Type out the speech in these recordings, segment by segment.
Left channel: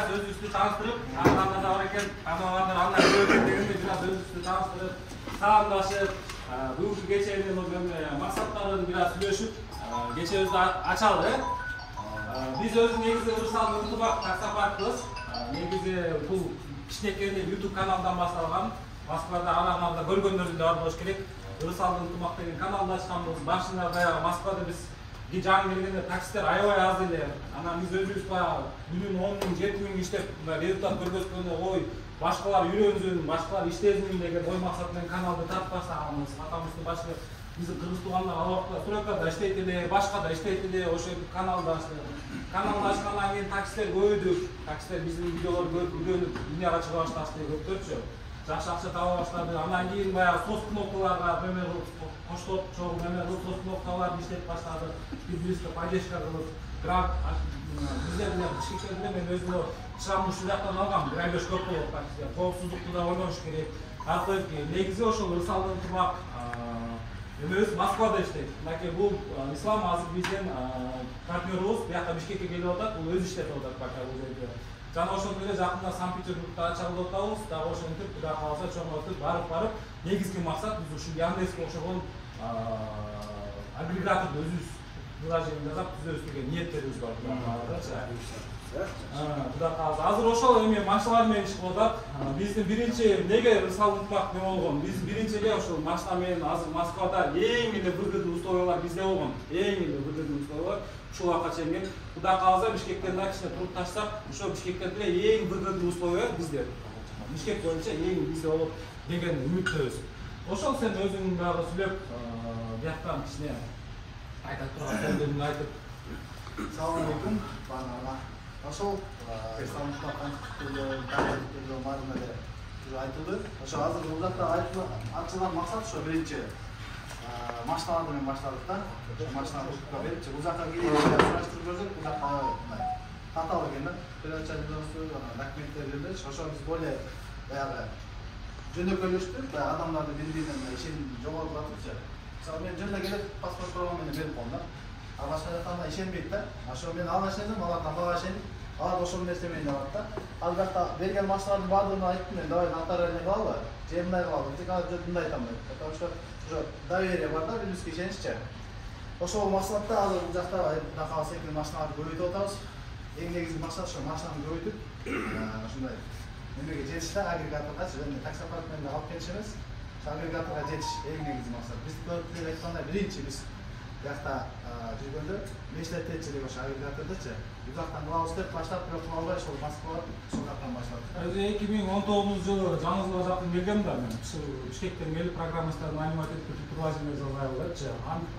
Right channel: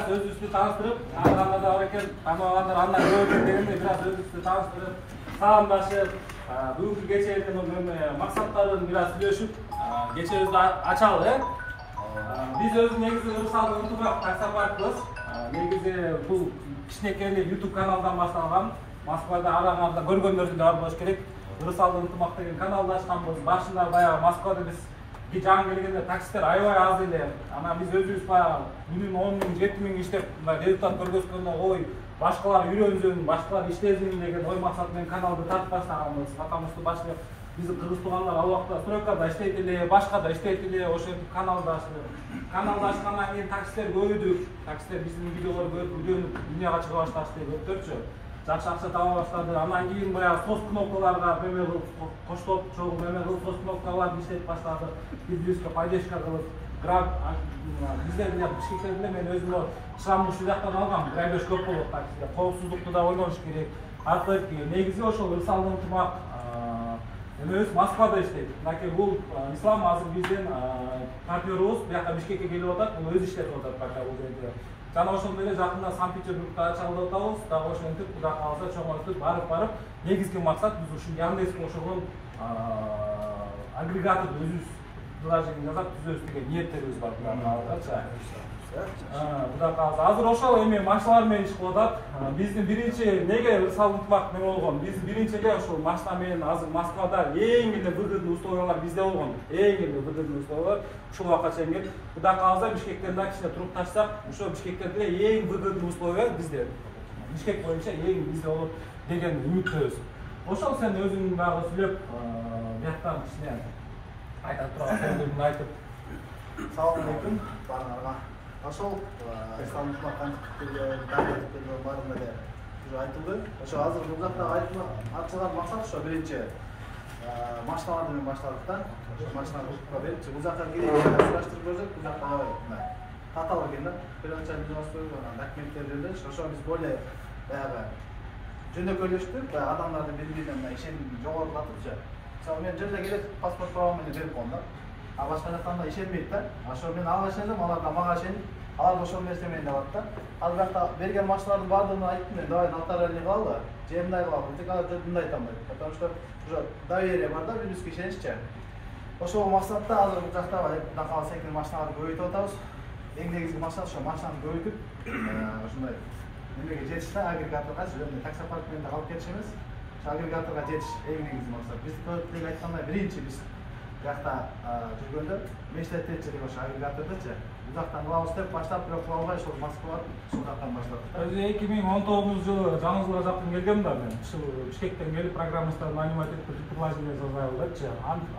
biraz özünüzü tanıştırıp, anında da var ekan, tanımaganlar andan görüp degende biraz özünüzü tanıştırıp, salamdашып, бүгүнкү кечээден максаттарын biraz сүйлөшүп, кечээбизди ачалы. Биз өзү негизи Ырысалдын ынтымак таксопаркыбыз. Негизи бул кичинекей YouTube каналдан башталган. Москвада араңарда көргөндөрүң да бар болуш керек. Ырысалдын ынтымак деген каналды ачканбыз. Башында баягы Москвада биз жаңы келгенде таксисттер аябай аз эле. Анан биз өзүбүз баягы күнүнө 10 000, 7 000 иштеп, результат көргөзгөндө ой, башкалар үйрөнсүн, башкалар иштесин деген ой максаты менен каналды тартып баштаганбыз. Потому что башка биздин кыргыз туугандар ал убакта стройкада иштейт эле, башка да иштейт эле, ошентип каналды ачтык. Каналды ачкандан кийин таксилер көбөйдү. Таксилер биздин видеолорду көрүп үйрөнүп, дүйнөгө чыга башташты, көптөрчү. Жакшы акча таба баштады. Андан кийин баягы соц кнопкаларга меме кылып коштоп, чогуу меме кылып соц кнопкаларды иштетип баштады. Биз поддержка кылып, грант бизде деле Бишкекте деле мен өзүм шрамды ушул жактан алгам. 1-5 көп болот таксиде. Коопсуздукту да ойлош керек. Артык негизи ошол Ырысалдын ынтымак эмебиз Москвада иштейт. Мынакей бул Ислам азыр биздин партнерубуз, бияка Бишкекке келип атат, бул өзү иштеп атат пока бул жерде. Жана ошондой эле жакында Санкт-Петербургда ачалы деп атабыз. Дагы ошентип, Кудай кааласа чоңойтуп барып негизги максат биз ушул Яндекске ошогон агрегаторду өзүбүз приложение жасап түзөбүз деген ниеттерибиз бар. Кудай кааласа азыр ошол эми машиналар менен иш кылып атат. Биздин биринчи неге Ырысалдын ынтымак неме болгон? Биздин биринчи эле ошол машина менен азыр Москвада эң эле выгодный условиялар бизде болгон. Эң эле выгодный условиялар ушул убакка чейин келип, Кудай кааласа Бишкектен да кичине туруп ташсак, ошо Бишкектен деле эң выгодный условия бизде. Бишкек боюнча эң бизде болот деген үмүттөбүз. Ошол сен өзүң дагы сүйлөп, бияктан кичине айта турган сөздөрүңдү айтып. Салам алейкум баарыңарга. Ошол Ырысалдын ынтымактын баарында эле айтылды. Ошо азыр бул жакта ачылган максат ошо биринчи машиналар менен баштадык да. Ошо машиналарды берип, бул жакка келип сураштырып көрсөк, бул жакта татаал экен да. Передача видеосу, документтер берилди. Ошо биз более баягы жөнөкөйлөштүк, адамдардын бири-бирине ишеним жогорулатыпчы. Мисалы мен жөнүнө келип паспорт правомду берип коем да. А башка жактан ишенбейт да. Ошо мен ага ишендим, алар да мага ишенип, алар да ошол нерсе менен алат да. Ал жакта берген машиналардын баардыгын айттым мен, давай нотариальный кылалы, же мындай кылалы, тек ана мындай айтам деп. Потому что уже доверие бар да, биз ишениччи. Ошол максатта азыр бул жакта такал секил машиналарды көбөйтүп атабыз. Эң негизги максат ошо машинаны көбөйтүп, ушундай немеге жетиш да, агрегаторго, жөнүндө таксопарк менен алып кетиш эмес. Агрегаторго жетиш эң негизги максат. Биз көрүп айткандай биринчи биз бияқта жүргөндө мечтеттечилик ошо агрегатордучу. Бул жактан кылабыз деп баштап, бирок кыла албай ошол Москва ушул жактан баштадык. Өзү 2019-жылы жаңы жылга жакын келгем да мен. Ушул Бишкектен келип программисттер нанимать этип предложение жасай элечи.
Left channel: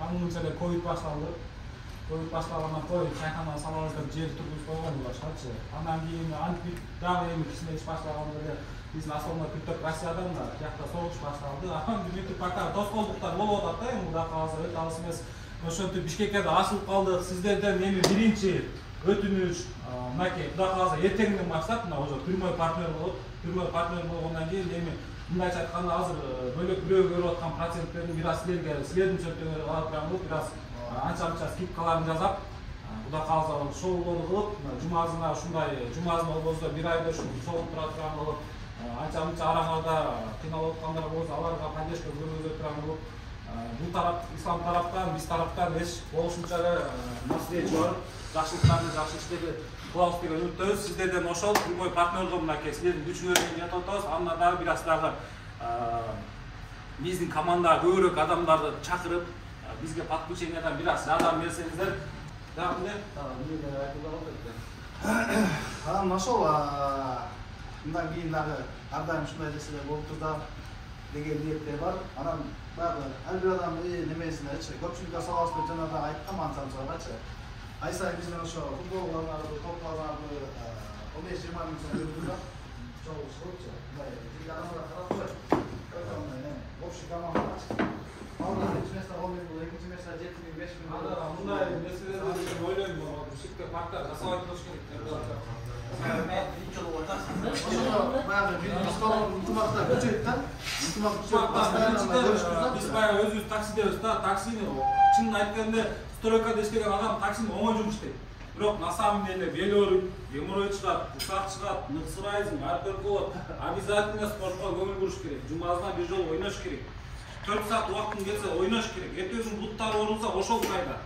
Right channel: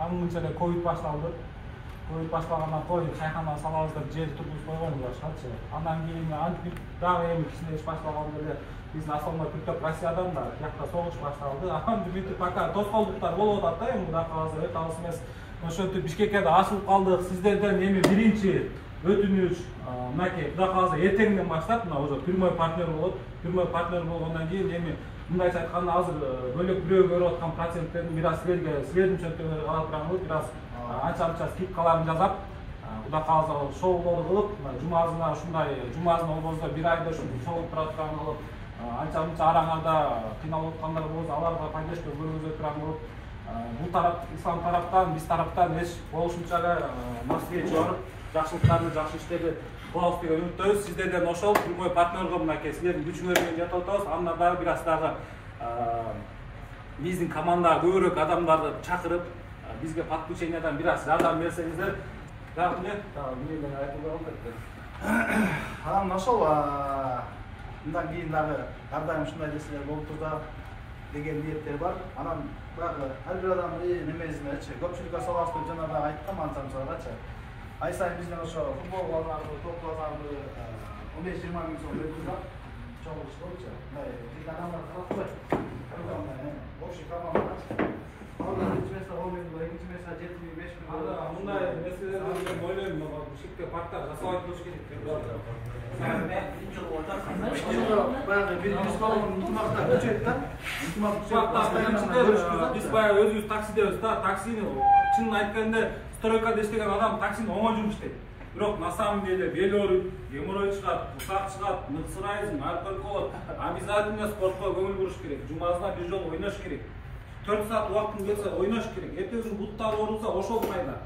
Анын эле ковид башталды. Ковид башталгандан кой чайкана салабыз деп жерди тургузуп койгон башкачы. Андан кийин антип дагы эми кичине иш башталганда эле биздин основной күттөк Россиядан да тиякта согуш башталды. Анан бүтүп пока тоскоолдуктар болуп атат да, эми Кудай кааласа өтө алыс эмес. Ошентип Бишкекке да ашылып калдык. Сиздерден эми биринчи өтүнүч, мынакей Кудай кааласа эртеңден баштап мына уже прямой партнер болот. Прямой партнер болгондон кийин эми мындайча айтканда азыр бөлөк бирөө көрүп аткан проценттерин бир аз силердин чөнтөгүңөргө карап турам biraz анча скидкаларын жасап, Кудай кааласа шоулор кылып, жумазына ушундай жумазына болбосо бир айда ушундай шоу тура турган болуп, анча-мынча араңарда кыйналып аткандар болсо аларга поддержка көргөзө турган болуп, бул тарап ислам тараптан, биз тараптан эч болушунча эле насиет чыгарып, жакшылыктарды, жакшы иштерди кылабыз деген үмүттөбүз. Сиздерден ошол прямой партнерго мынакей силердин күчүңөр менен жатып атабыз. Анда дагы бир аз дагы биздин командага көбүрөөк адамдарды чакырып, бизге подключениядан бир аз жардам берсеңиздер, дагы эмне айтылган экен. Анан ошол мындан кийин дагы ар дайым ушундай нерселер болуп турда деген ниеттер бар. Анан дагы ар бир адамдын немесинечи көпчүлүккө салабыз деп жана дагы айткам анча-мынчагачы. Ай сайын бизден ошо футбол балдарды, топ балдарды 15-20 миң сом берип турат. Чогуу чыгыпчы. Мындай адамдар карап коет. Общий команда биринчи место 10 миң, экинчи место 7 миң, 5 миң. Мындай нерселерди мен ойлойм, Бишкекте парктар жасап айтылыш керек деп баягы биз болгон ынтымакта күчөйт да. Ынтымак биз баягы өзүбүз таксидебиз да, таксини чынын айтканда стройкада иштеген адам таксини оңой жумуш иштейт. Бирок на самом деле бел ооруйт, геморрой чыгат, курсак чыгат, ныксырайсың, арпер болот. Обязательно спортко көңүл буруш керек. Жумасына бир жолу ойнош керек. 4 саат убактың келсе ойнош керек. Эртең буттар оорулса ошол пайда.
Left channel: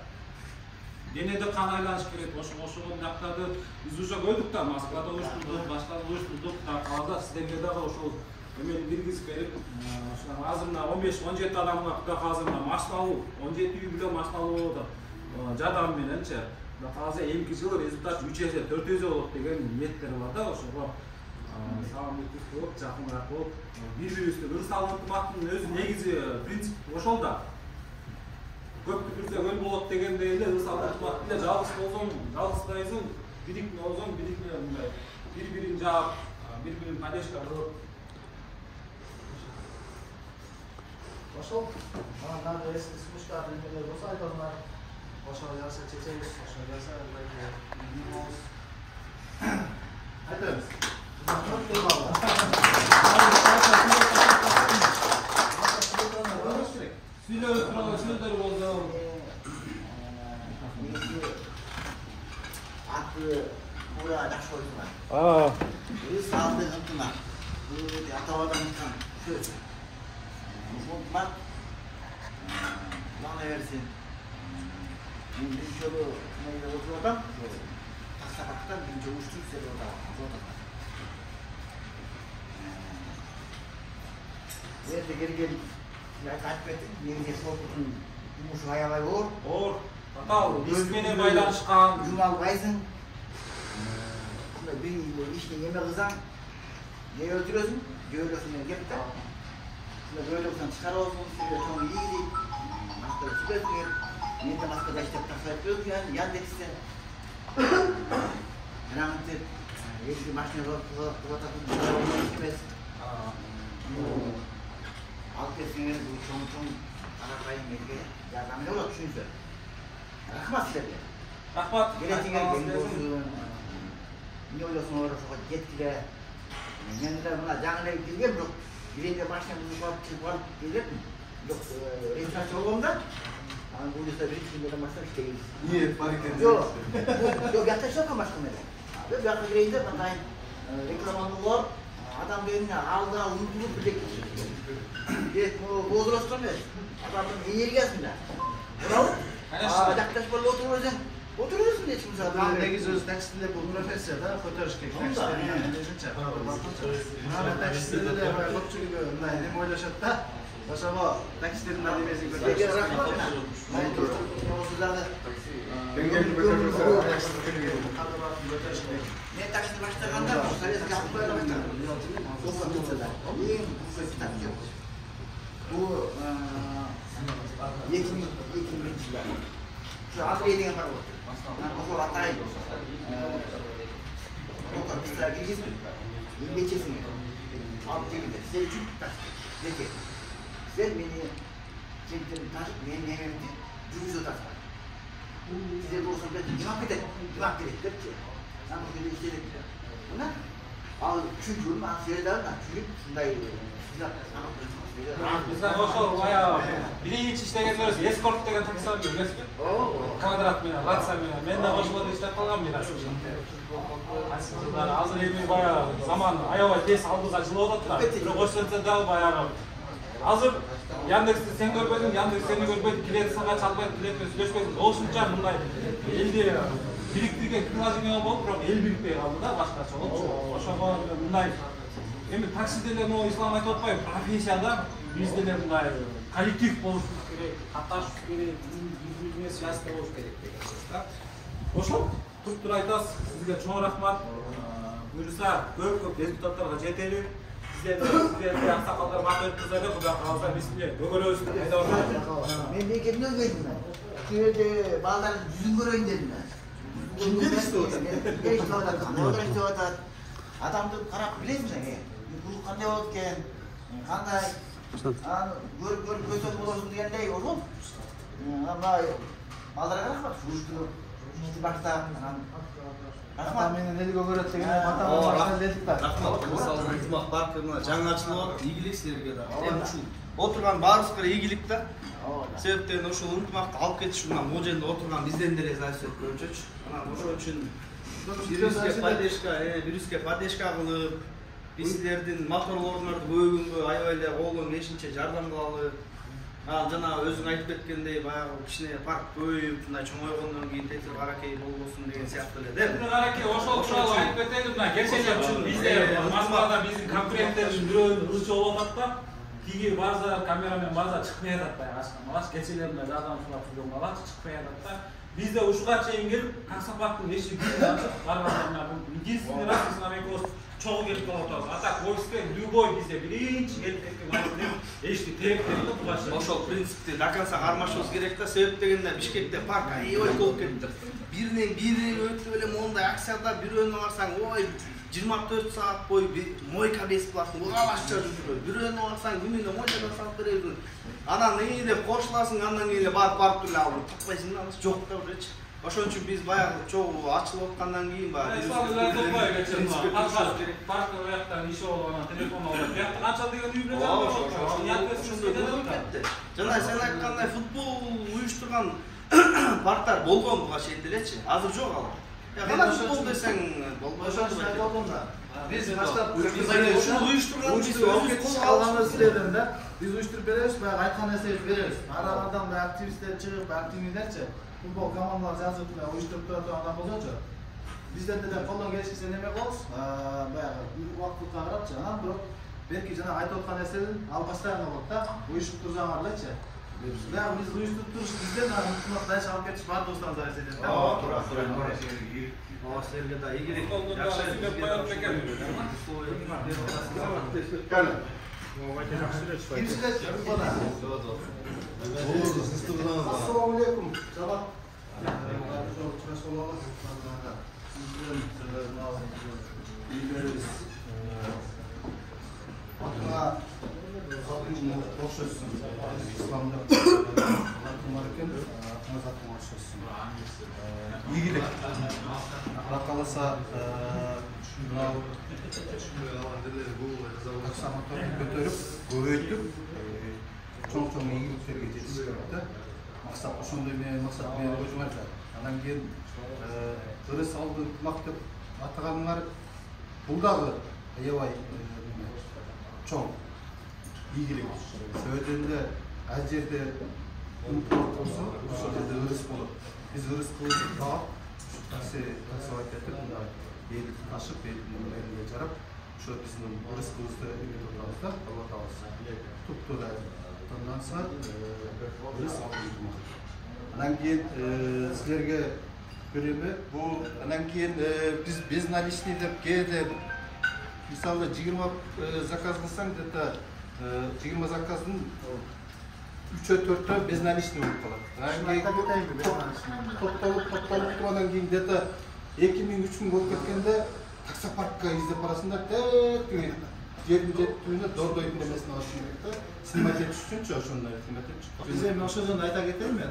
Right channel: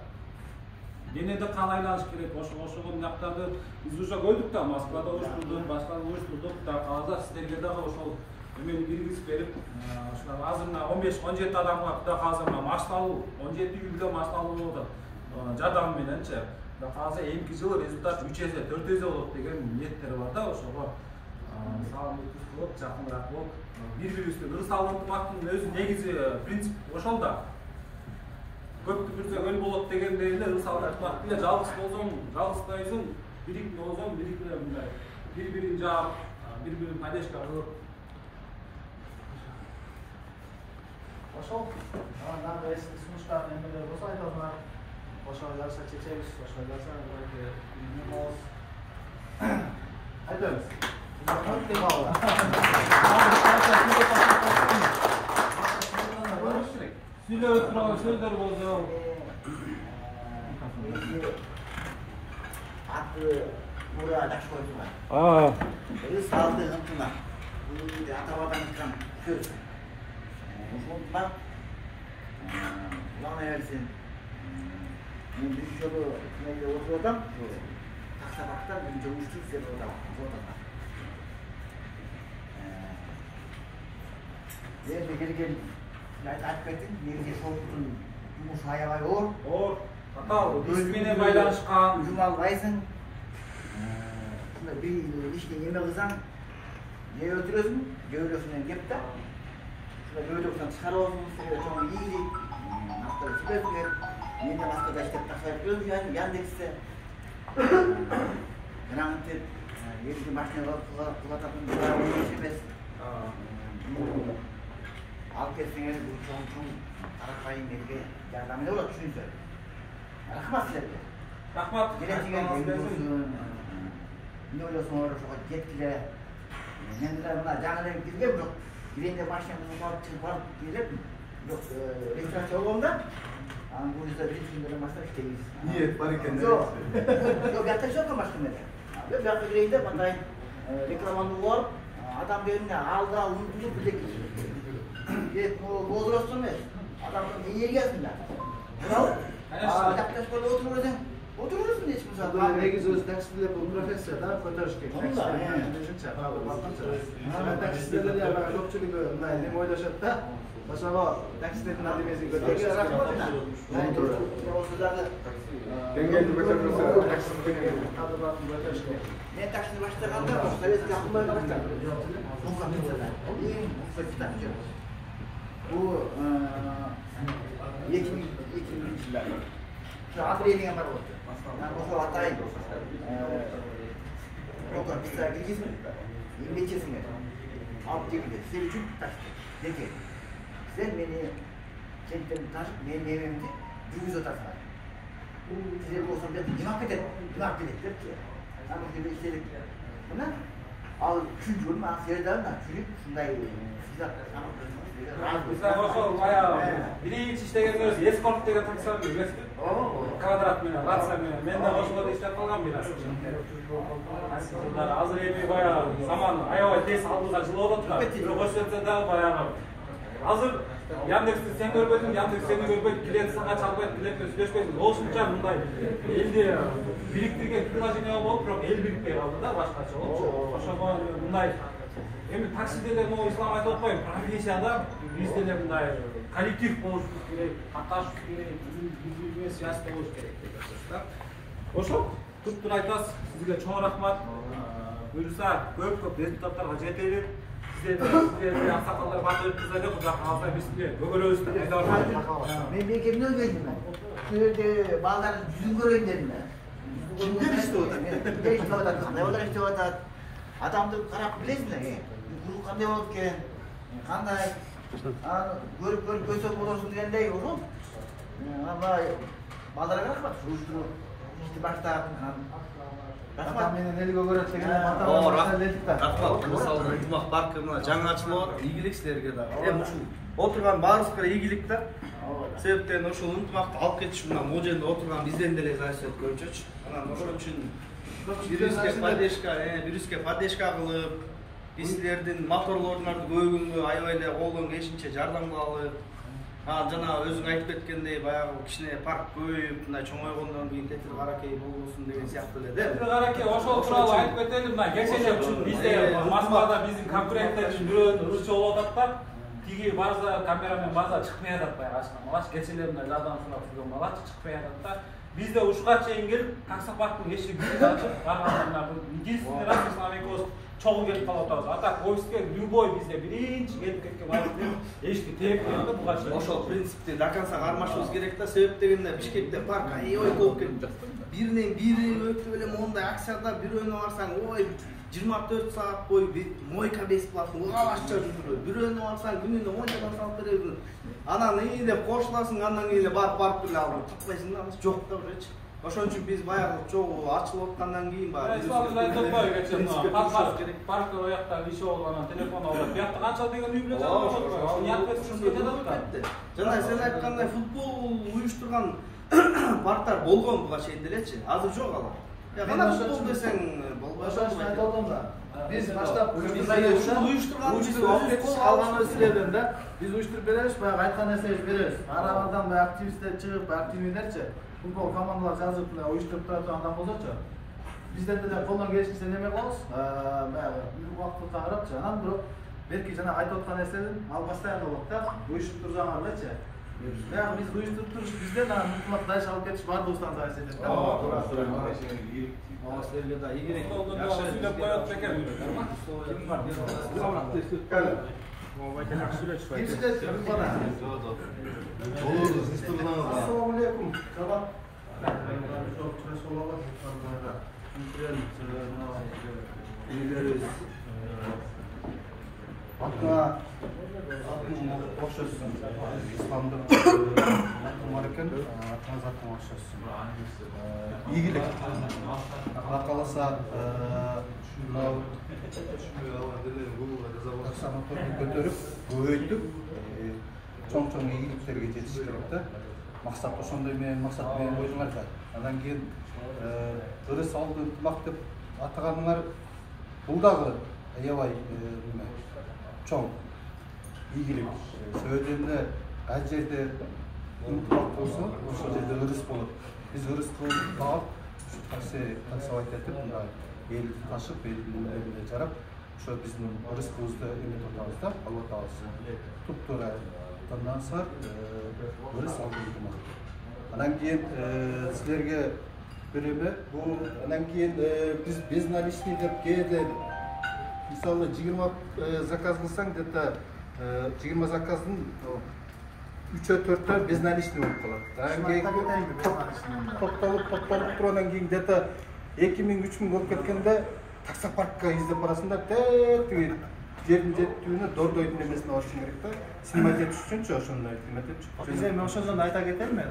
Денеде кан айланыш керек. Ошого мынактарды биз уже көрдүк да, Москвада уюштурдук, башка уюштурдук да, калада сиздерге дагы ошол эмени киргизип берип, азыр мына 15-17 адамга Кудай кааласа мына машина алуу, 17 үй бүлө машина алуу болуп атат. Жардам мененчи. Кудай кааласа эмки жылы результат 3 эсе, 4 эсе болот деген ниеттер бар да, ошого саламаттык болуп, жакыныраак болуп, бири-бирибизге ырыс ынтымактын өзү негизи принцип ошол да. Көптү бирде көл болот дегендей эле ырыс ынтымак эле жалгыз болсоң, жалгызбайсың, бирик болсоң, бирик эле мындай бири-бирин жаап, бири-бирин поддержка кылып. Ошол дагы эски сунуштардын эмелери болсо айтасыңар. Ошол жарса чечебиз, ошол жарса эмне болобуз. Айтабыз. Сүйлөп турган сөздөр болсо. Аты мура жакшы койдуңар. Өз салды ынтына. Бул атабадан айткан сөз. Ошол бак. Алла берсин. Мен бир жолу менде отурдум. Таксабактан бир жолу уштук деп отурдум. Yerine gelgen айтпайтын, негизи соттун жумушу аябай оор. Оор. Татаал, биз менен байланышкан. Жүз албайсың. Бир ишти эме кылсаң, же өлтүрөсүң, же өлөсүң кеп да. Өлөсүң чыгарып алсың, чоң ийди. Наскада чыгып кет. Мен да наскада иштеп таксайып өзүм Яндексте. Жанагынтип, эки машина кылататын эмес. Алып кетсеңер чоң аракайын бирге жардамы болот түшүнсө. Рахмат силерге. Рахмат. Келечеге келгенсиң. Эмне ойлосуңар ошого жеткиле. Мен да мына жаңы эле келгем, бирок биринде машинамды чыгып барып келдим. Бирок регистрация болгондо анан бул жерде регистрация менен машина иштейбиз. Ниет бар экен. Жок, бияка жок машина менен. Бияка кирейинде мындай рекламаны болуп, адам келгенде алда унутулуп билек. Возраст эмес. Адамдын энергиясында. Бирок жакташ болуп отурбайсың эч ким сага. Негизи өзү таксиде бул профессия да, көтөрүш керек. Таксиде көпчүлүгү мындай эме ойлошот да. Ошого таксидин адемесин көтөрүш. Рахмат. Мен таксиди баштаганда советский акылдарга баштадым. Bu 2000 yıllar. Şu Andrei diyen var oldu. Ben okul atayım. Okul pisler gireceğiz mi? 25 yaşında. Abi çekildi. Size için taşıdık. Peki. Sen beni çektim taş, benim evimde cüvüz otarsın. Size bu olsun dedim. İmak edin. İmak edin. Ben o günde istedik. Bunlar al 3. yılım Asya'dan da çürük şunday silah tamam. Bizden ошол баягы биринчи иштегендер эскорт деген таксилар билесизби? Квадрат менен, лаца менен. Мен да ошолордо иштеп калгам бираз. Азыр эми баягы заман аябай тез алдыга жылып атат да. Бирок ошол жерде дагы баягы. Азыр Яндексти сен көрбөйсүң, Яндекс сени көрбөйт, билет сага чалбайт, билет менен сүйлөшпөйсүң. Ошунча мындай элди бириктирген приложение болуп, бирок эл бириктей калды да, башкача болчу. Ошого мындай эми таксиде эле могу ислам айтып атпайм, профессияда бизде эле мындай коллектив болуш керек, катташыш керек, бири-бирине связьда болуш керек деп атышта. Ошол туруп айтасыз, сизге чоң рахмат. Буюрса көп результаттарга жетели. Сиздерге аксакалдар баатыр кыздар жок, Кудай кааласа биз көгөрөбүз деп айта барам. Men bekemden geldim ben. Köyde bağların yüzün görün dedim ben. Kimdir işte o da? Kimdir işte o da? Orada işte o da. Adamды karab bilesің sen, kuzu qanday болып кен, qanday көріп көсөк боласың дегендей ошол. Мына балдарга рахмат, ушты баштап, Ата менен элге көрөт деген атама башка дедик да. Рахмат. Мисалы ынтымак паркы мына жаңы ачылып, ийгилик силерге да. Эми ушул отурган баарыбызга ийгилик да. Себептен ушул ынтымакты алып кетиш мына могу жерде отурган бизден деле зависит этип көрчүчү. Анан ошол үчүн бирибизге поддержка кылып, биз силердин моторлоруңарды көбүнгө аябай эле колдон келишинче жардам кылалы. Жана өзүң айтып кеткендей баягы кичине парк көбөйүп, мындай чоңойгондон кийин тетир каракей болбосун деген сыяктуу эле да. Каракей ошол тууралуу айтып кетели, мына кечээ үчүн бизде Москвада биздин конкуренттердин бирөөнүн ырчы болуп атат да. Тиги база камерамен база чыкпай атат баягы ашкан. Малаш кечээлер мына жардам сурап жүргөн малаш чыкпай атат да. Бизде ушуга чейин келип, таксопарктын эшигин ачып барганда единственный раз с нами просто чогуу келип калып атабыз. А так ойске любой бизде биринчи келип кеткен айткан эшти тээктейт да буга чейин. Ошол принципти до конца кармашыбыз керек да. Себеп дегенде Бишкекте парк аябай толуп кетти. Биринен бири өтүп эле мондай акцияда бирөөнө барсаң, ой 24 саат бою мойка бесплатно, угабашча жүрүп, бирөөнө барсаң күнүнө мойкадан салып беребиз. Анан ии деп кошуласың, андан кийин эле барып эле алып таппайсың да, жок да уже. Ошон үчүн биз баягы чогуу ачылып аткандан кийин баягы парктар ояктан иши болуп анан телефон алып, биякта канча деген үй билет. Ошондой болуп кетти. Жана сен айткандай футбол уюштурган парктар болгон буга чейин делечи. Азыр жок алар. Кана футбол десең болбой да. Биз баштап ушул уюштурган биз алганда силерден да. Биз уюштуруп беребиз, баягы айткан нерсебизди беребиз. Арабардан баягы активисттер чыгып, активныйдерчи. Футбол командалар жазып уюштуруп турган адам болсочу. Бизден деле колдон келишинче неме кылабыз. Баягы убакытты карапчы. Анан бирок белки жана айтып аткан нерседен ал постоянно болот да. Уюштуруп турсаңарлычы. Баягы биз уюштуруп туруш бизден анан ынтымак дайыш алып кетиш баардыгыбыздан зависит этет да. Ооба, силерге да ийгилик. Assalamu alaikum. Sabah. Ийгилик. Каласа мынау таксомоторду көтөрүп, көбөйтүп, чоң-чоң ийгиликтерге жетиш керек да. Максат ошондой максат менен койдуңар да. Андан кийин ырыс алды ынтымак деп атаганыңар бул дагы аябай чоң ийгилик. Сөйдөн эле ал жерде ынтымак болсо, ошол жерде ырыс болот. Биз ырыс кылып багып, таксовать этип, мындай элди ташып, элдин немелерине жарап, ошо биздин ырыскыбызды эметип атабыз да, алып атабыз. Туп-туура тандансар ырыс алып. Анан кийин силерге береме, бул анан кийин биз без наличный деп кээде мисалы 20 заказ кылсаң, где-то 20 заказдын 3-4 без наличный болуп калат. Топтолуп туруп кийин где-то 2000-3000 болуп кеткенде таксопаркка издеп барасыңдар, жердин жетүүнү дордойдун немесине алышың керек да. Снимать этиш үчүнчү ошондой снимать этиш. Биз эми ошол жөнүндө айта кетелми,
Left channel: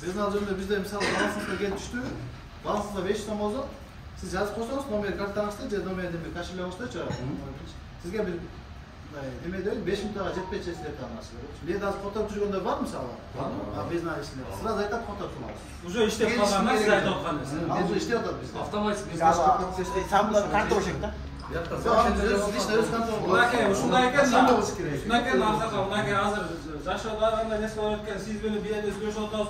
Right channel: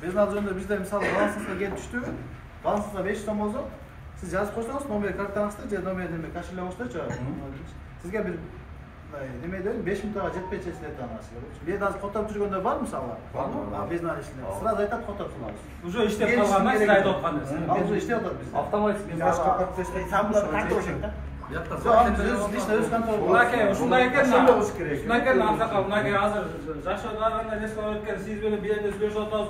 Безнал жөнүндө бизде мисалы балансыңызга келип түштү. Балансыңызда 500 сом болсо, сиз жазып койсоңуз, номер картаңызды же номерди кошелегиңиздечи. Сизге бир неме дейт, 5000 тага жетпей чечилет анасы. Бизде азыр которуп жүргөндөр бар мисалы? Барбы? Безнал ишине. Сразу айтат которуп турабыз. Уже иштеп калгандан сиз айтып аткан нерсе. Ал уже иштеп атат бизде. Автоматически башка подпиштеп контроль да. Ушундай экен, ушундай экен Абзакал, мынакей азыр жашоо барганда нерсе өткөн, сиз менен бирде сүйлөшүп атабыз,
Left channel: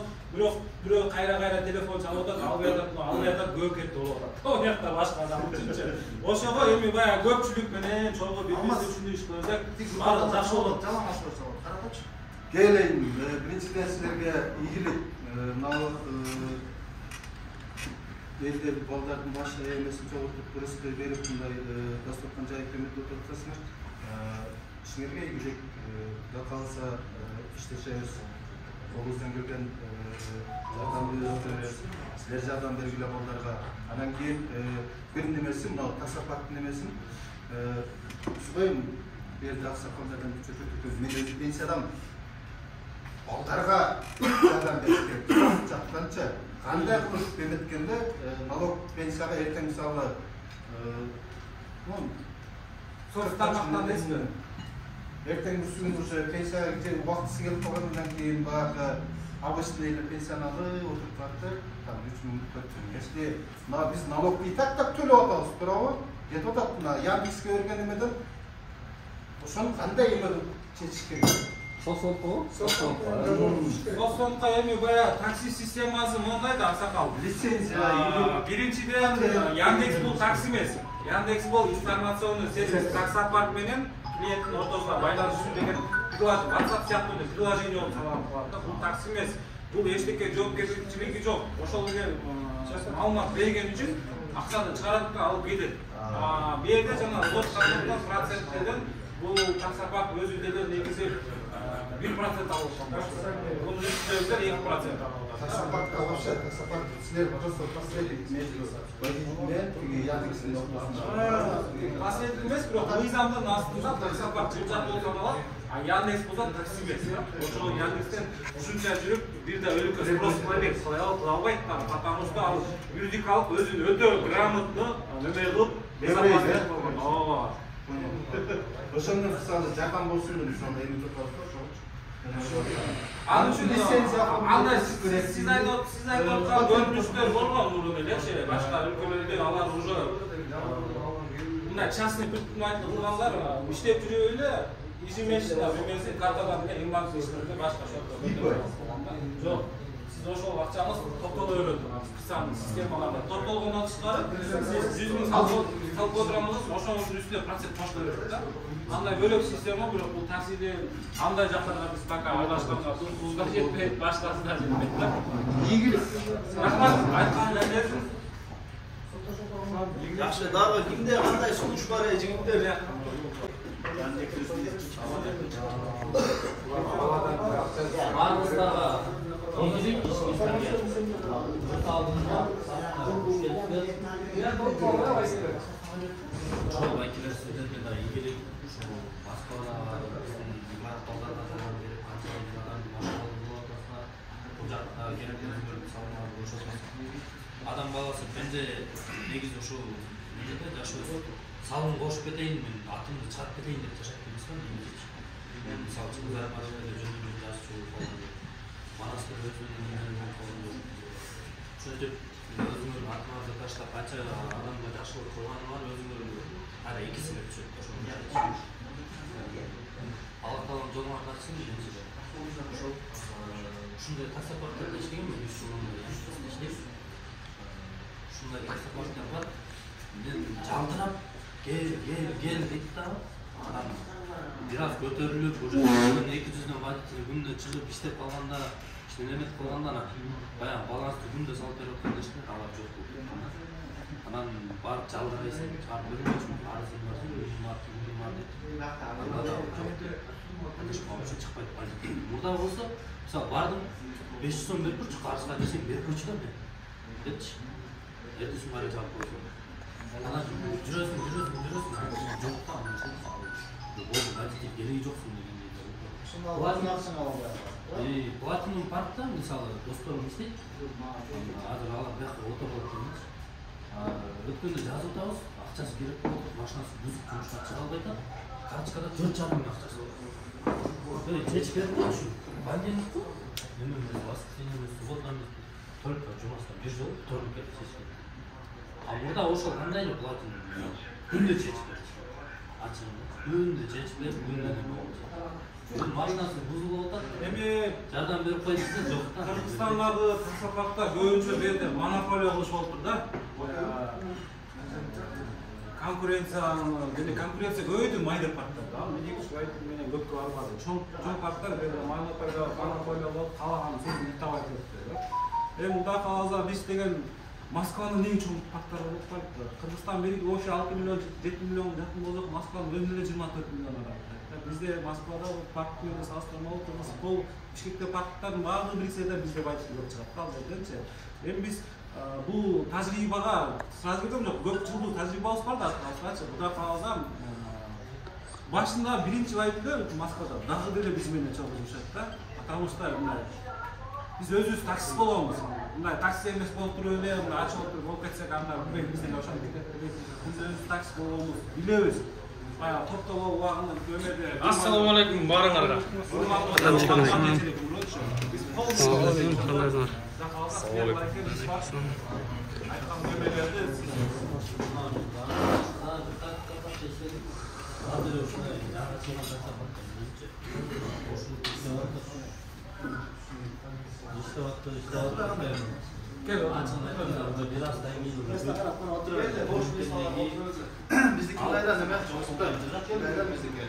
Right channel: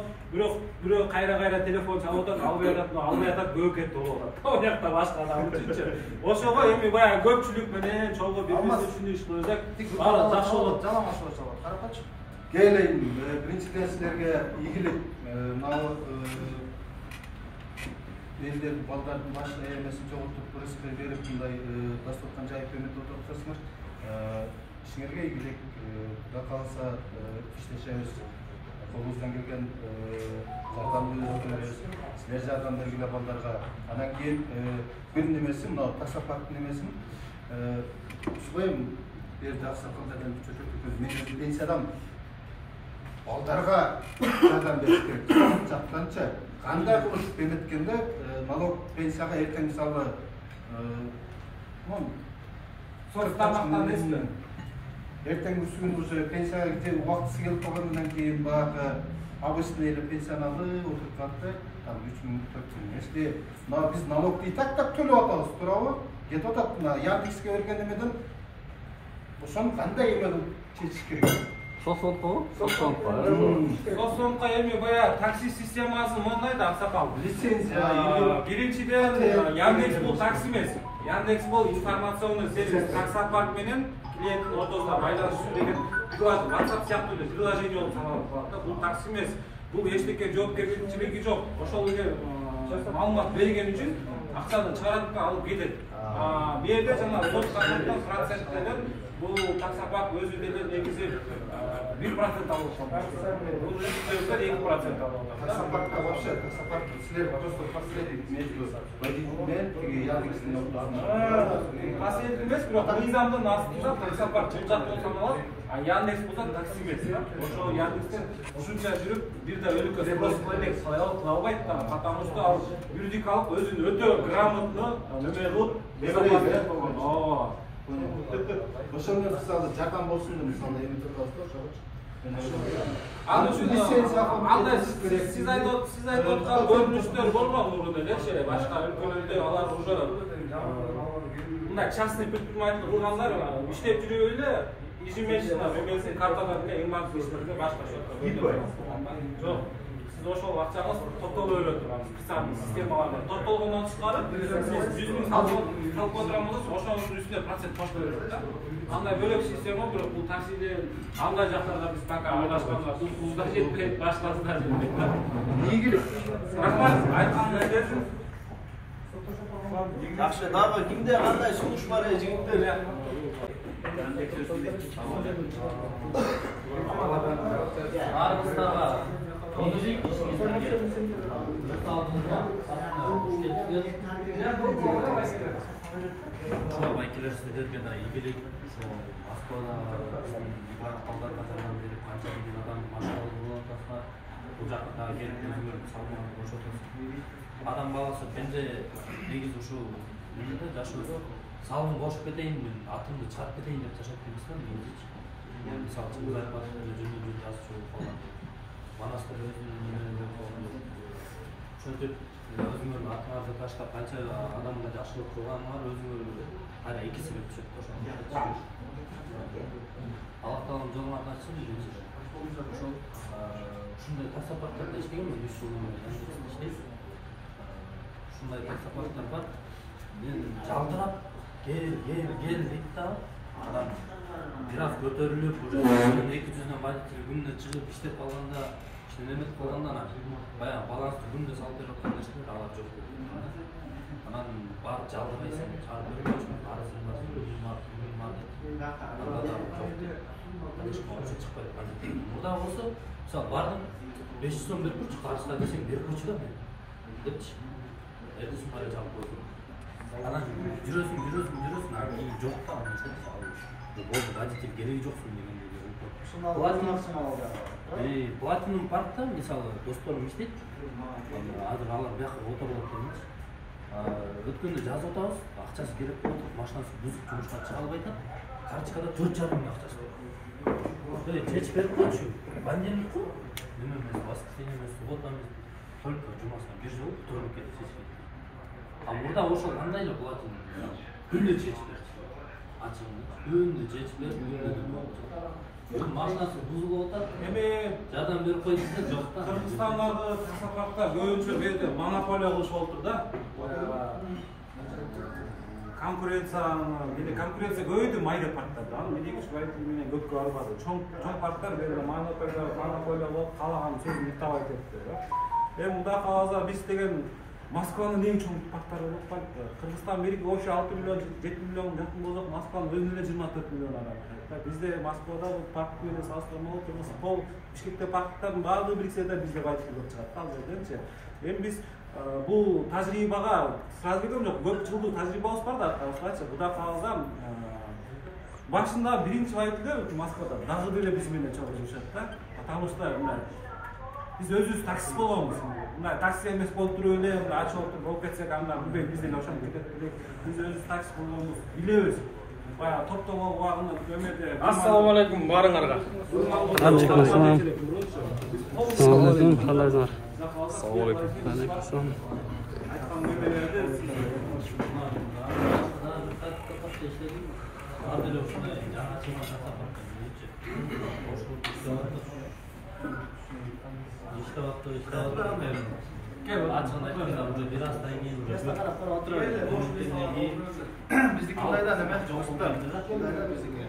бирөө кайра телефон чалып атат, албай атат, көк кетти болуп атат. Ал жакта башка адам үчүнчү. Ошого эми баягы көпчүлүк менен чогуу бирбирибиз үчүн иш кылсак, баары жакшы болот. Жалаңаш болот. Карапачы. Келейин, биринчиден силерге ийгилик, элдер балдардын башы эмесин чогултуп ырысты берип мындай дастаркан жайып эметип отурсаңар, ишиңерге ийгилик. Кудай кааласа иштешебиз, колубуздан келген жардамды беребиз. Силер жардам бергиле балдарга. Анан кийин бир немеси, мына таксопарктын немесин субайым берди аксакалдардан чөчөтүп мен пенсиядан балдарга жардам бериш керек. Жактанча кандай кылып эметкенде налог пенсияга эртең мисалы тармактан эсме эртең күн уже пенсияга убактысы келип калгандан кийин баягы обычный эле пенсияны алып отуруп турат да там 3000 4000. Если biz налогду тактап төлөп атабыз, туурабы? Кетип атат мына Яндекске берген эмеден ошону кандай эмеден чечиш керек? Соцсомко эми баягы такси системасы мондай да Аксакал. Лицензия. Биринчиден Яндекс бул такси эмес. Яндекс бул информационный сервис. Таксопарк менен клиенттин ортосунда байланышуу деген WhatsApp сыяктуу эле приложение болуп саналат. Бул такси эмес. Бул эчтеке жоопкерчилиги жок. Ошол эле маалымат берген үчүн акчаны чыгарып алып кетет. Бу жерде жана лоттон проценттерден бул таксопарк өзү деле негизи 1% алып отыр. Бул үстөздөр 2% алып отыр. Таксопаркта вообще таксопарк силер просто посредник между водителем и Яндекстин ортосунда. Посредник эмес, бирок мыйзамдын астында таксопарк жумшак болуп саналат. А Яндекс болсо такси эмес, ошол Яндекстен ушунча жүрүп, бир да өлкө спрос кылбайт, албайт да, потому что ал юридик алып өзүн өтө грамотно неме кылып, безопасность болгон. Ошондо мисалы жардам болсун деп мисалы эми турабыз ошого. Ал үчүн андай сиз айтып аткан көрүнүштөр болгон мурун элечи, башка өлкөлөрдө алар уже мындай частный предприниматель кылгандар иштеп жүрүп эле ежемесячно бюджеттин карталар менен эң баардык иштерге башка счетко жок. Сиз ошол акчаңыз топтоло берет турабыз. Специальный системаларда топтолгондон тышкары сиз 100 миң салып отурамыз, ошонун үстүнө процент кошуло берет да. Андай бөлөк система, бирок бул таксиде андай жактарга биз пока ойлашканга пулда жетпейт, башкасы да жетпейт да. Ийгилик. Рахмат, айтканыңыз келсин. Жакшы, дагы кимде кандай сунуш бар жигиттер? Баарыбыздагы ийгилик ишибизге журт алдында ошол байкелер сиздерге да ийгилик ушул Москвада балдарга салам берип канча миң адам машыгалы болуп атасыздар. Бул жакта керек өзүңөрдү салмаган болушосуз. Адам баласы бенже негизи ушул жерде жашообуз салым кошуп кетейин, мен атымды чыгарып кетейин деп жашайт эмесмин негизичи. Мен мисалы Чыңгызайбатовдо жөнүндө жазчу болуп калган. Манаста өзүнүн немени болуп калган жок. Ошентип өзүңөрдүн атыңарды таштап канча адамга жакшылык кылганыңар өзүңөр ара экисине түшөт да ошону жашайт. Алла таалам жолуңар ачсын биринчиден. Ошол ушундай таксопарктарда иштегенмин 3 жыл иштейм. Ушундай таксопарктар бар. Мен жалтырап кел дейт да адам бир аз көтөрүлүп уже 200дөн водитель күндө чыгып иштеп калганда неметип калганда баягы балансты күндө салып берип атканда эчтеке алар жок. Анан барып жалдырбайсың, чыгарып бербейчүмүн, арызым бар, вообще чыкпайт калды. Мурда болсо, мисалы бардым, 500 сом берип турчу, карызга десең берип койчу да мен. Депчи. Эртесин бара жалып койдум. Анан жүрөсүң, жок да анан болду, водитель кереги жоксуң дегендей. Платинум паркта мисалы досторум иштейт. Азыр алар бияка отуруп атат. Өткөндө жазып атабыз, акчасы керек болуп, машинасы бузуп жумушка чыга албай атат. Карточкада 4,5 миң акчасы бар. Böyle çeç verip şu banyanlık bu. Nemen воскресенье, суббота, только жумасына бир жыл толуп кетип. А мурда ошол кандайлы платин? Күндө чеч берчү. Ачын, күндө чеч берип, күндө машинасы бузулуп атат. Эми жардам берип кой десе жок да. Кыргызстандагы таксопаркта көбүнчө жерде монополия кылыш болуп тур да. Конкуренция көбөйдү майда парктарда. Медикус водитель менен көпкө барбады. Чоң парктар монополия болуп калаган сөзүн уктабай кетти да. Эми мында каласа биз деген Москванын эң чоң парктары болуп калды. Кыргызстан бири вообще 6 миллион, 7 миллион жакын болсо, Москванын өзүнө 24 миллион адам. Бизде Москвада парк менен салыштырмалуу тургус пол Бишкекте парктардын баардыгы бириксе да бизде водитель көп чыгат да ал жерденчи. Эми биз бул тажрыйбага сразу кетем жок, көп жылдык тажрыйбабыз бар да аткачы. Кудай кааласа башында биринчи водитель Москвада дагы деле биз менен чогуу жашат да. Потому что биз өзүбүз таксист болгонбуз. мындай такси эмес болуп туруп эле мындай ачып отуруп болуп кетсек анда билбейм бизден ошентип кетет билбейм. Биз өзүбүз такси болгонбуз билебиз. Баягы топтогу убагынын көмөдө. Ассаламу алейкум баарыңарга. Алейкум ассалам. Қалайсыңар? Айткан көмөлөрдү Bizdeki kayda ne ben? Bizdeki.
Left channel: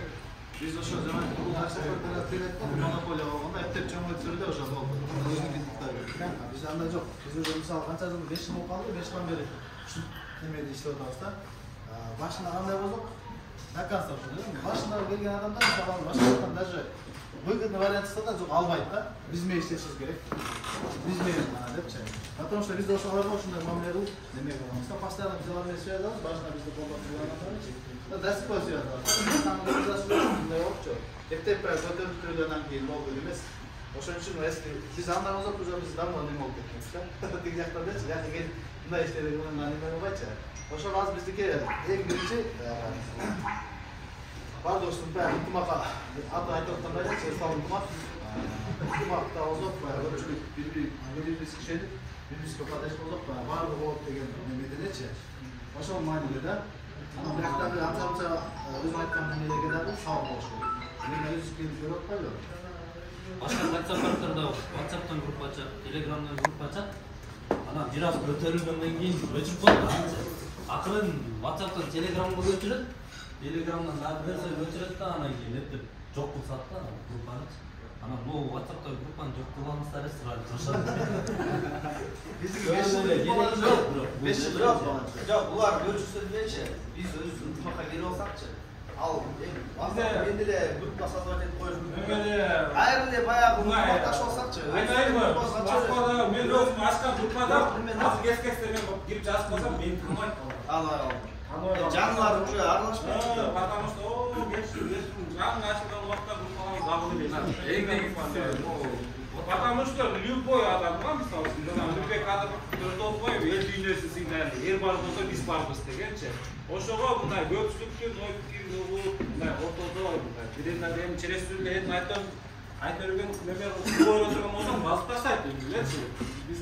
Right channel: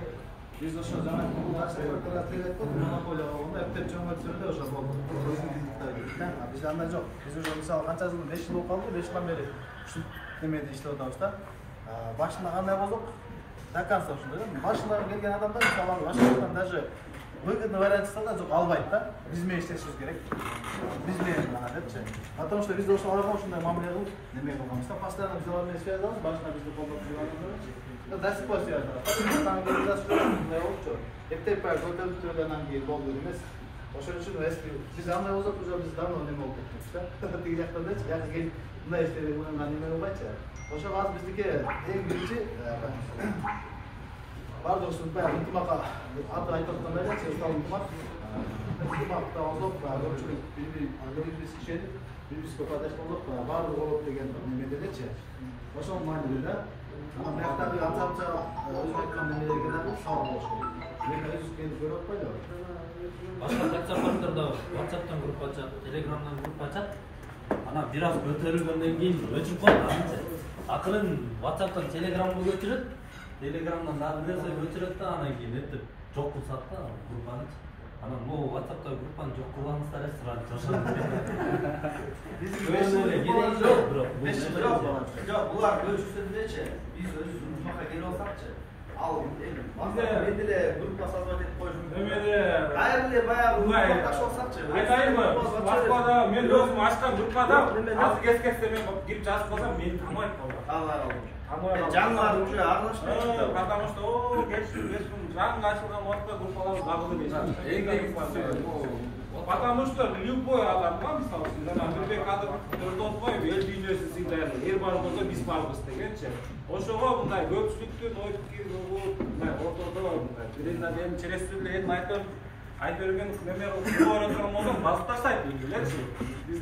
Biz ошо жана бул такси кооперативде монополия болгондо эптеп чоң өтүрдө ошо болду. Бизде андай жок. Биз уже мисалы канча жыл 5 жыл болуп калды, 5 жылдан бери ушул немеде иштеп атабыз да. Башында кандай болдук? До конца ушундай да. Башында келген адамдар мисалы башкадан даже выгодный вариант да жок албайт да. Биз менен иштешибиз керек. Биз менен гана депчи. Потому что бизде ошолорго ушундай мамиле кылып, неме кылганбыз да. Постоянно делами связаны, башында бизди колдоп тургандар. Да спой связаны. Эптеп көтөрүп төлөнөн кийин болду эмес. Ошон үчүн если биз андай болсок уже биз давно неме болуп кетебиз да. Тиги жактан жакы келип мындай иштебек менен неме болбайчы. Ошо азыр биздики эң биринчи бардыгыбыздын баягы ынтымакка аты айтып аткандай эле ынтымак. Ынтымакта болсок көпчүлүк бири-бириз кишенip бири-бирибизге кадаш болсок баардыгы болот деген немеденечи. Ошол маанилүү да. Ama bıraktaki antamca özüm aytkan nemeye gidelim, şahı boşu. Yerine yüz gelip görüp atmayla. Başka WhatsApp'larda WhatsApp'tan grup açıp, Telegram'dan grup açıp, ana biraz götürülgenden keyin öçürüp kaldı. Akılın WhatsApp'tan Telegram'a götürüp, Telegram'dan daha bir narsa götürüp de ana keyin hep çok kılsat da grup'anı. Ana bu WhatsApp'ta grup'an çok kullanmışlar esrarlı çalışan. Bizim 5 yıl yok. 5 yıl yok. Yok, bular görüşürüz diye biz özümüz ünitmaka geri olsakçı. Al, endi de gruppa sazvat etip koyuşum. Hayır de bayağı gruppa olsakçı. Айтайын мı? Москвада мен өзім ашқан группада азыр кес-кесте мен кирип жазып қалсам мени таныбайт балдар. Жанлар уже аралашпайт. Потому что кешірім жаңы ашылған уақытта группалар дабылы. Потому что любой адамга, мисалы үчүн, Нурбек адам Төртөбай эл дүйнөсү сыйдайт. Эр бар болсо биз барбыз дегенчи. Ошого мындай көпчүлүктүн ой пикири болуп, мындай ортодо биринде эми челестирүүгө эми айта берген неме кылып турган болсом басып таштайт элечи. Биз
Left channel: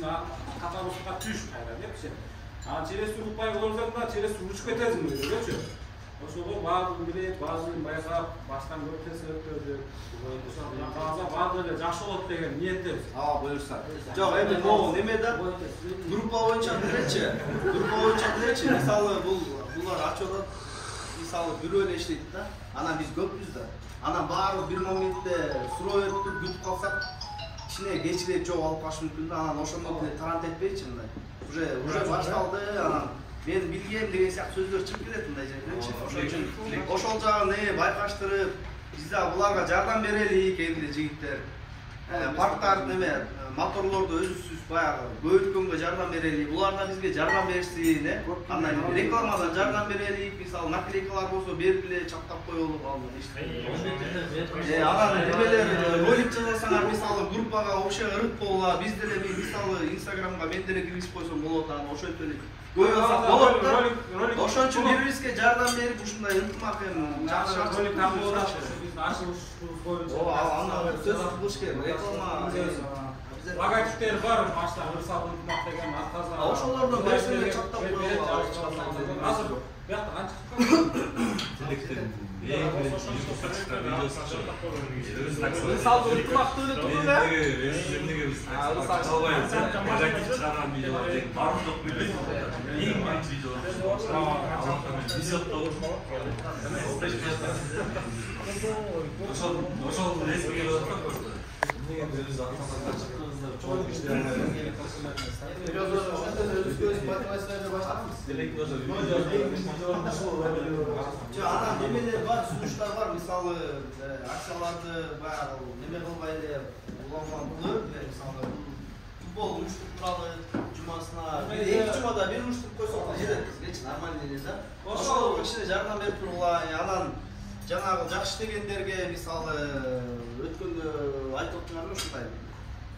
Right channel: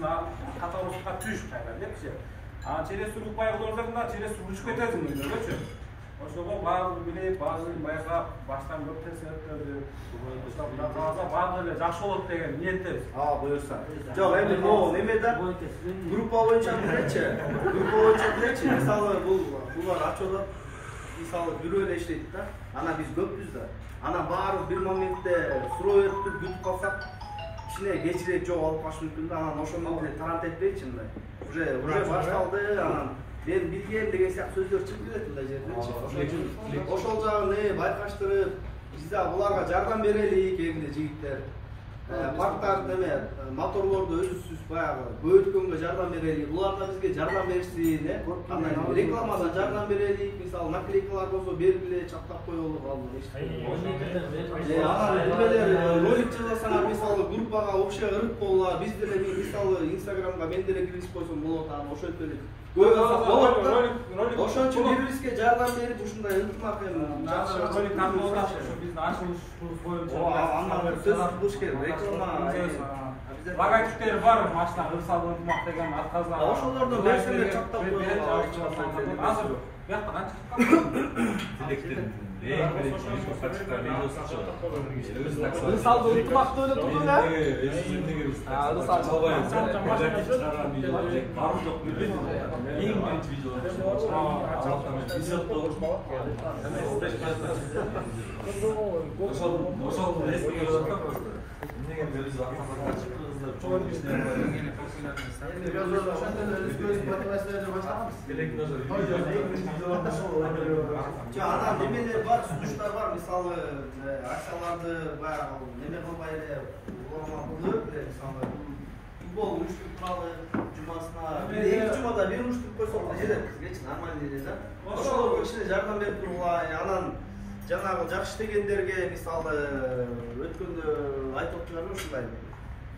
каталогка түш кайра депчи. Челестирүү укпай көрсөк да челестирүү учуп кетесиң дегенчи. Ошого баардыгын билет, баардыгын байкап, баштан көп тескерттөрдү. Баардыгы эле жакшы болот деген ниеттебиз. Буюрса. Жок, эми могул немеде группа боюнча билечи. Группа боюнча билечи. Мисалы булар ачып атат. Мисалы бирөө эле иштейт да. Анан биз көппүз да. Анан баары бир моментте суроо берип күтүп калсак, кичине кечирээк жок алып калышы мүмкүн да. Анан ошондон тарант этпейчи мындай. Уже башталды, анан мен билгем деген сыяктуу сөздөр чыгып келет мындай жердечи. Ошол жагын байкаштырып, биз да буларга жардам берелик эмне жигиттер. Парктар неме, моторлорду өзүбүз баягы көбөйткөнгө жардам берелик. Булар да бизге жардам берсин, андан кийин рекламадан жардам берелик. Мисалы наклейкалар болсо берип эле чаптап коелук алды. Анан немелер ролик жазсаңар, мисалы группага общий ырыт болула, биз деле мисалы Инстаграмга мен деле киргизип койсом болот, анан ошентип эле коюлсак болот да. Ошон үчүн бири-бирибизге жардам берип ушундай ынтымак жакшы ролик тамгылаш, биз ашылыш боюнча. Андан сөз кылыш керек. Реклама логотиптери бар, машина ырсалды ынтымак деген атказга. Ошолордон берсең чаттап азыр коелук. бuyakta канча Эң биринчи YouTube'га чыккан видеосу мисалы ынтымактуу эле турду да. Эмнеге биз албайбыз, негатив чыгарган видеолор барбы жок билбейм. Эң биринчи видео. Аллахтан везет-то. Ошол резкий келип атат просто. Эмнеге биз атаман чыкканыбызда чоң иштер бар. Анан немелер бар, сунуштар бар, мисалы акцияларды баягы неме кылбай эле улам бөлүп, мисалы футбол уюштуруп туралы жумасына эки жумада бир уюштуруп койсок жетет бизгечи нормальный эле да. Ошол кичине жардам берип тургула, анан жанагы жакшы иштегендерге мисалы өткөндө айтып отургандар ушундай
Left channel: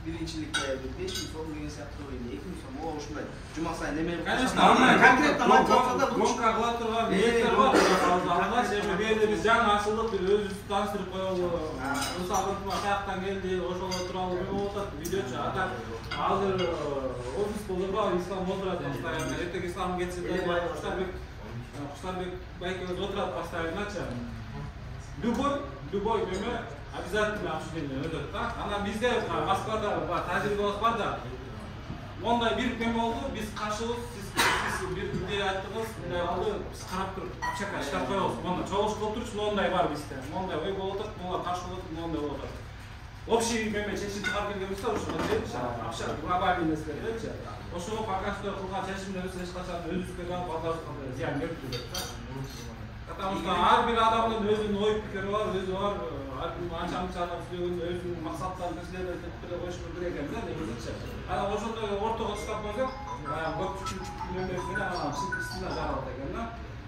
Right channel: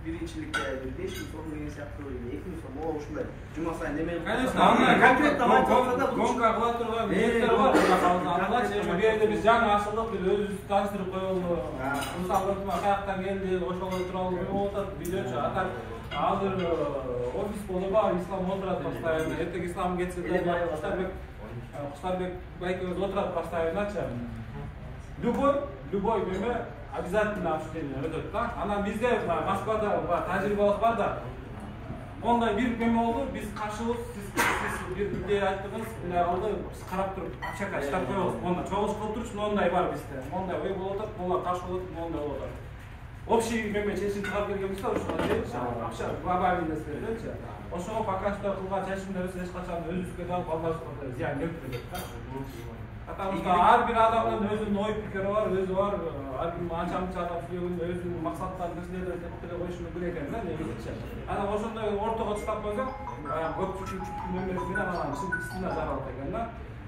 birincilikte 5 yıl sonra inisiyatif oyunu, 2 yıl sonra o uşunday. Cuma sayın emeği Конечно, konkret ama kalkada гонка кыла турган ниеттер бар. Алла эми кээде биз жаңы ашылдык бир өзүбүздү тааныштырып коелу. Мисалы атаяктан келди, ошол тууралуу болуп атат, видеочу атат. Азыр офис болуба, ислам отурат постоянно. Эртең ислам кетсе де Куштарбек байкебиз отурат постоянночу. Любой неме обязательно обсуждение өтөт да. Анан бизде Москвада тажрыйбабыз бар да. Ондай бир неме болду, биз кашылып, сиз бир идея айттыңыз, мындай алды биз карап туруп акчака иштеп коебуз. Монда чогулуп отуруш, мондай бар бизде. Мондай ой болуп атат, монда каршы болуп атат, мондай болуп атат. Общий неме чечим чыгарып келдик да, ошо акча глобальный маселелерчи. Ошого пока что кылган чечимдерибиз эч качан өзүбүзгө да балдарыбызга зыян келтирбейт да. Потому что ар бир адамдын өзүнүн ой пикири бар, өзү бар. Ар ким анча-мынча адам сөйлөгөндө өзүнүн максаттарын тизилеп тепкилеп коюш мүмкүн экен да, негизичи. Анан ошондой ортого чыгып койсок, көпчүлүк мемлекетине анан чыгышына жаралат экен да.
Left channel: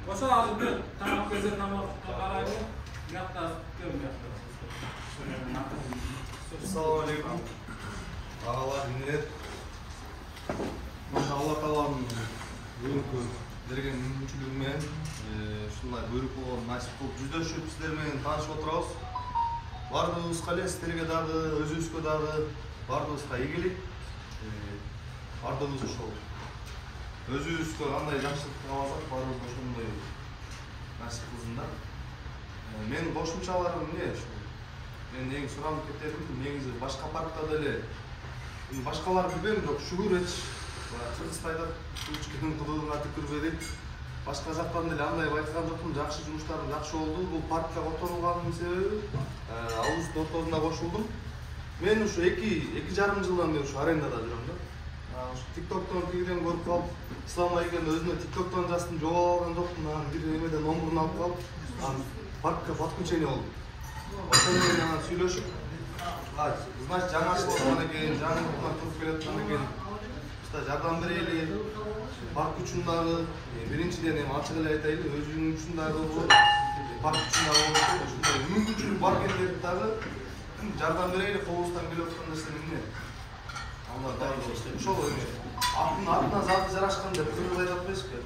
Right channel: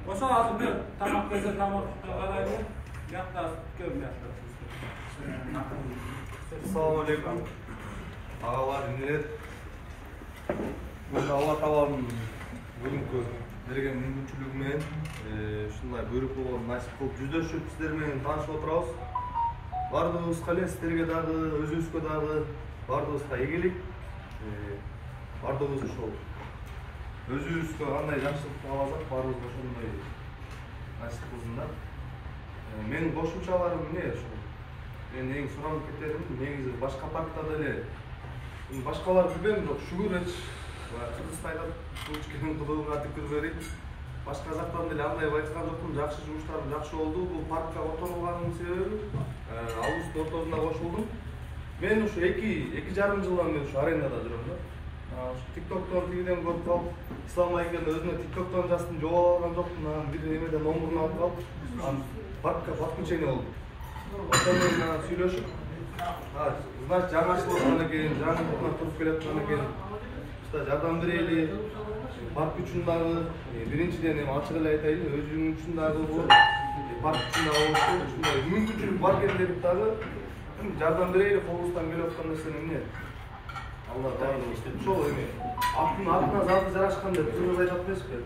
Ошо азыр бир тамак кезде тамакка карайлы, бияқта көрүм бияқта. Assalamu alaikum. Ağalar, millet. Alloh taoloning bugungi bergan mumkinchiligi bilan shunday buyruq bo'lgan nasib qilib juzdashib sizlar bilan tanishib o'tiramiz. Bardığımızga sizlarga dagı, o'zingizga dagı, bardığımızga egilik, bardığımız ошол. Өзүбүзгө кандай жакшылык алсак, баарыбызга ошондой насип кылсын да. Менин кошумчаларым эмне ошо? Мен эң суранып кететим, негизи башка паркта деле башкалар билбейм, бирок шүгүр эч Кыргызстайда кылычкенин кылыгын артып көрбөдүк. Башка жактан деле андай байкаган жокмун, жакшы жумуштарым жакшы болду. Бул паркка которулганын себеби августун ортосунда кошулдум. Мен ушу 2,5 жылдан бери ушу арендада жүрөм да. TikTok'tan тигиден көрүп калып, ислам айгем өзүнө TikTok'tan жаздым, жоолоп алган жокмун, анан бир эмеден номурун алып калып, анан паркка подключение болду. Ошондо менен сүйлөшүп, значит жаңы ачылып аткан экен, жаңы туруп келаткан экен. Жардам берели, парк үчүн дагы биринчиден эми ачык эле айтайлы, өзүнүн үчүн дагы парк үчүн дагы ушундай мүмкүнчүлүк бар кендирип дагы жардам берели, колубуздан келип аткан нерсе эмне? Алла дайым ошол эми атына заты жарашкан деп кыргыз айтып атпайсызбы?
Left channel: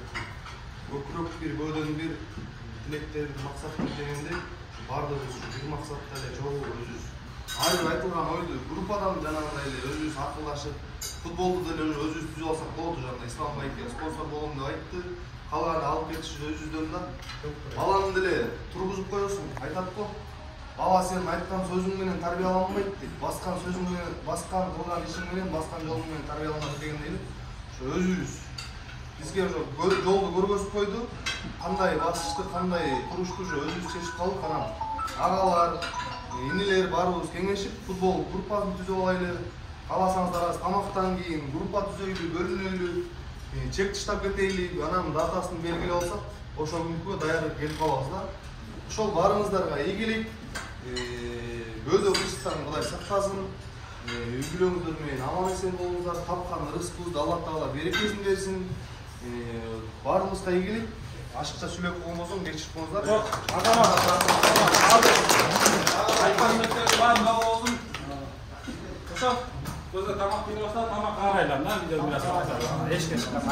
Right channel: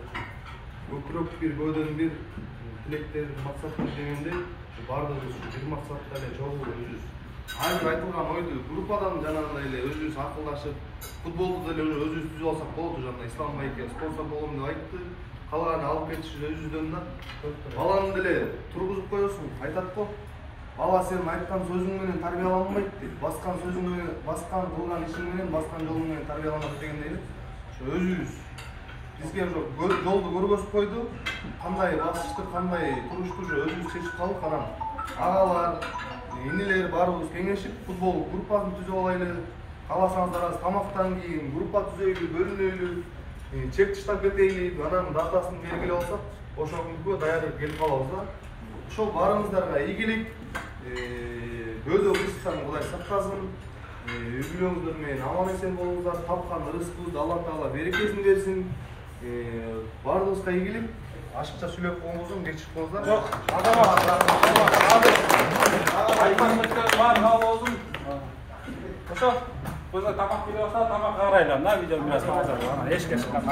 Көкүрөк бир, көөдөн бир тилектер, максаттар дегендей, бардыгыбыз бир максатта эле чогуу өзүбүз. Айры айтылган ойду группадан жанагындай эле өзүбүз акылдашып, футболду деле өзүбүз түзүп алсак болот. Жана Ислам байке спонсор болом деп айтты. Калганы алып кетиш өзүбүздөн да. Баланы деле тургузуп коесуң, айтат го. Бала сен айткан сөзүң менен тарбияланбайт деп, баскан сөзүң менен, баскан кылган ишиң менен, баскан жолуң менен тарбияланат дегендей эле. Ошо өзүбүз бизге ошо жолду көргөзүп койду. Кандай басышты, кандай турушту ошо өзүбүз чечип калдык. Анан агалар, инилер баарыбыз кеңешип футбол группасын түзүп алайлы. Кааласаңыздар азыр тамактан кийин группа түзөйлү, бөлүнөлү, чек таштап кетейли, анан датасын белгилеп алсак, ошол күнгө даяр келип калабыз да. Ошол баарыңыздарга ийгилик, бөөдө кырсыктан Кудай сактасын, үй бүлөңүздөр менен аман эсен болуңуздар, тапкан рызкыңызды Алла Таала берекесин берсин. Баарыбызга ийгилик. Ашыкча сүйлөп коңузун кечирип коңуздар. Ошо көзө тамак берип атса, тамак карайлам да, видео менен. Эчке чыккан.